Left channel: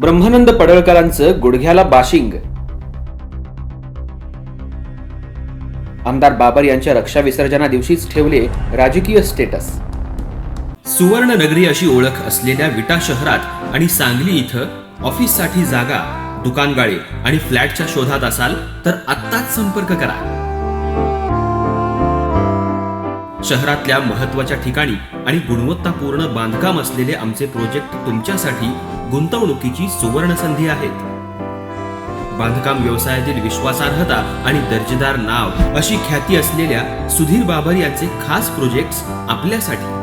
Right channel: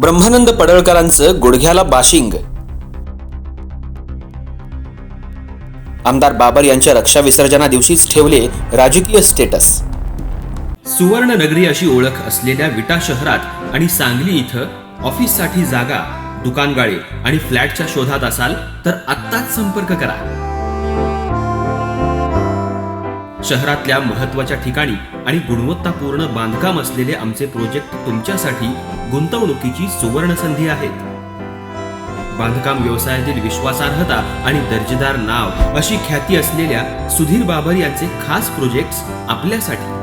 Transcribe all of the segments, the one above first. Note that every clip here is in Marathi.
ब्रह्मानंद पडळकरांचं गुडघ्याला बाशिंग. आमदार बाबर यांच्या रक्षा विसर्जना दिवशीच ठेवले राजकीय स्टेटस. सुवर्ण नगरी अशी ओळख असलेल्या विटा शहरात आणि सांगली इथं ऑफिससाठी जागा दुकानगाळे आणि फ्लॅटच्या शोधात असाल तर आत्ताच संपर्क करा. शहरातल्या महत्त्वाच्या ठिकाणी आणि गुणवत्तापूर्ण बांधकाम असलेले आमचे प्रोजेक्ट तुमच्यासाठी गुंतवणुकीची सुवर्ण संधी आहेत. बांधकाम व्यवसायातील विश्वासार्हता आणि दर्जेदार नाव अशी ख्याती असलेल्या सुधीर बाबर यांचे खास प्रोजेक्ट्स आपल्यासाठी.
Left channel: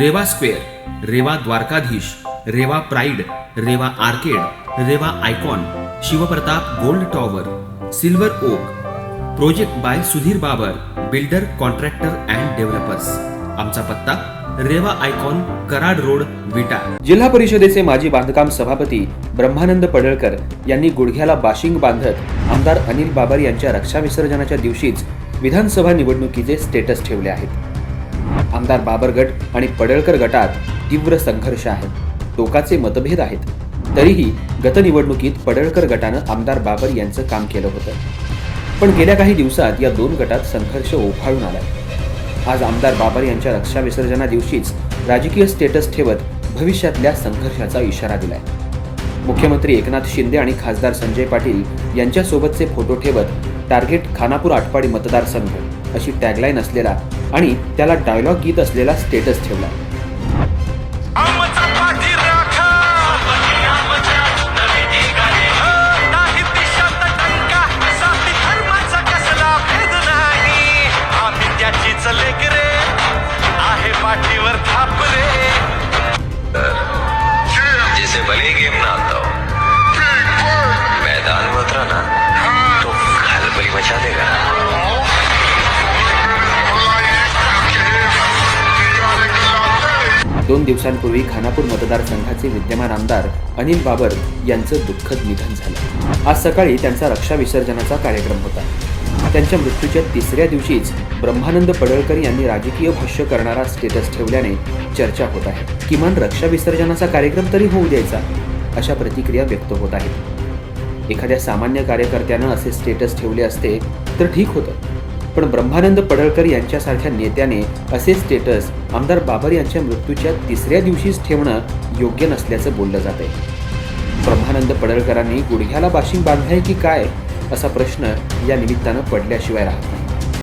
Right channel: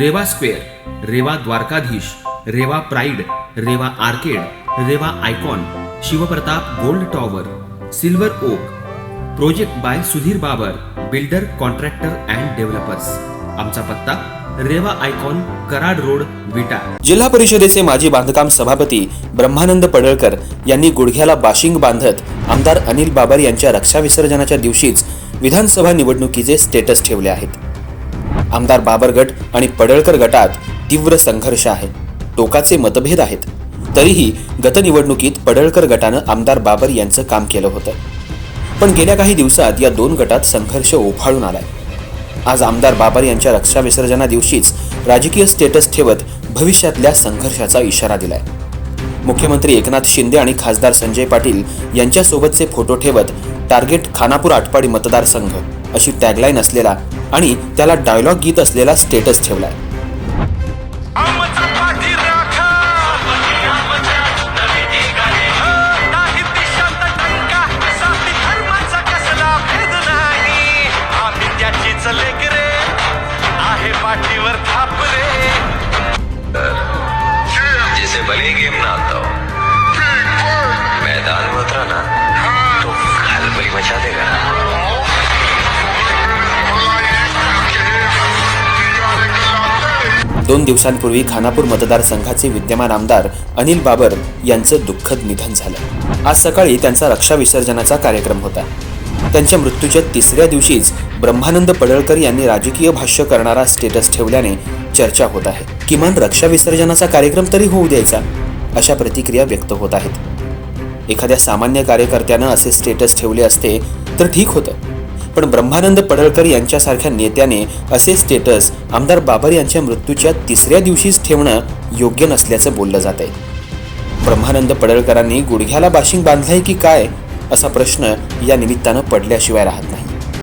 Reva square Reva Dwarkadhish Reva pride Reva arcade Reva icon Shivpratap gold tower silver oak project by Sudhir Babar builder contractor and developers. आमचा पत्ता रेवा आयकॉन कराड रोड विटा. जिल्हा परिषदेचे माजी बांधकाम सभापती ब्रह्मानंद पडळकर यांनी गुडघ्याला बाशिंग बांधत आमदार अनिल बाबर यांच्या रक्षा विसर्जनाच्या दिवशीच विधानसभा निवडणुकीचे स्टेटस ठेवले आहेत. आमदार बाबर गट आणि पडळकर गटात तीव्र संघर्ष आहे. टोकाचे मतभेद आहेत. तरीही गत निवडणुकीत पडळकर गटानं आमदार बाबर यांचं काम केलं होतं. पण गेल्या काही दिवसात या दोन गटात संघर्ष उफाळून आलाय. आज आमदार बाबर यांच्या रक्षा विसर्जना दिवशीच राजकीय स्टेटस ठेवत भविष्यातल्या संघर्षाचा इशारा दिलाय. मुख्यमंत्री एकनाथ शिंदे आणि खासदार संजय पाटील यांच्यासोबतचे फोटो ठेवत टार्गेट खानापूर आटपाडी मतदारसंघ अशी टॅगलाईन असलेला आणि त्याला डायलॉग गीत असलेला स्टेटस ठेवलाय. दोन दिवसांपूर्वी खानापूर मतदारसंघाचे विद्यमान आमदार अनिल बाबर यांचं दुःखद निधन झालं. आज सकाळी त्यांचा रक्षा विसर्जनाचा कार्यक्रम होता. त्यांच्या मृत्यूच्या तिसऱ्या दिवशीच ब्रह्मानंद पडळकर यांनी राजकीय भाष्य करणारा स्टेटस ठेवल्याने चर्चा होत आहे. किमान रक्षा विसर्जनाचा कार्यक्रम तरी होऊ द्यायचा अशा प्रतिक्रिया व्यक्त होत आहेत. एखाद्या सामान्य कार्यकर्त्यानं असे स्टेटस ठेवले असते तर ठीक होतं. पण ब्रह्मानंद पडळकर यांच्यासारख्या नेत्याने असे स्टेटस आमदार बाबर यांच्या मृत्यूच्या तिसऱ्या दिवशीच ठेवणं योग्य नसल्याचं बोललं जात आहे ब्रह्मानंद पडळकरांनी गुडघ्याला बाशिंग बांधलंय की काय असा प्रश्न या निमित्तानं पडल्याशिवाय राहत नाही.